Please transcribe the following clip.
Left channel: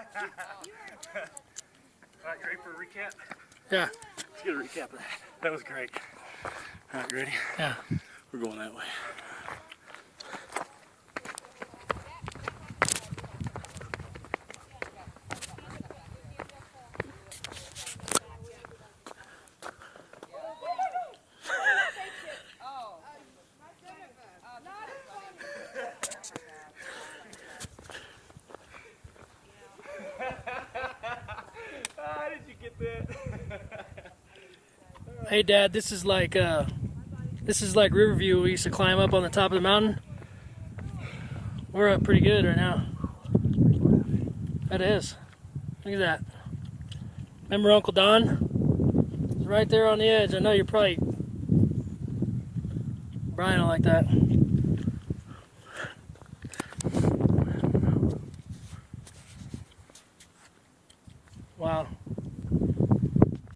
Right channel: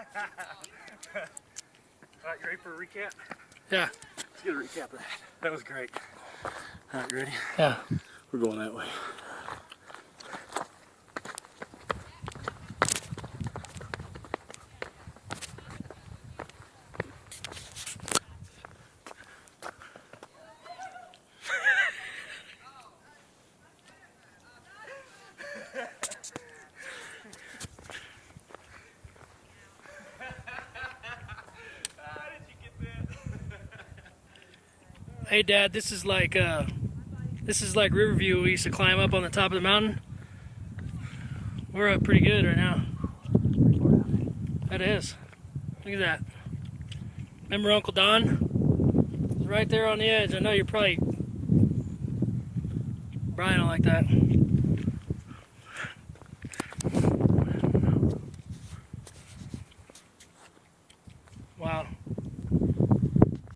Alright, you ready for a recap? Yeah. Let's get a recap of that. That was great. Alright, you ready? Yeah. We're going that way. How did you get that? Hey Dad, this is like Riverview. We used to climb up on the top of the mountain. We're up pretty good right now. That is. Look at that. Remember Uncle Don? He's right there on the edge. I know you're probably Brian will like that. Wow.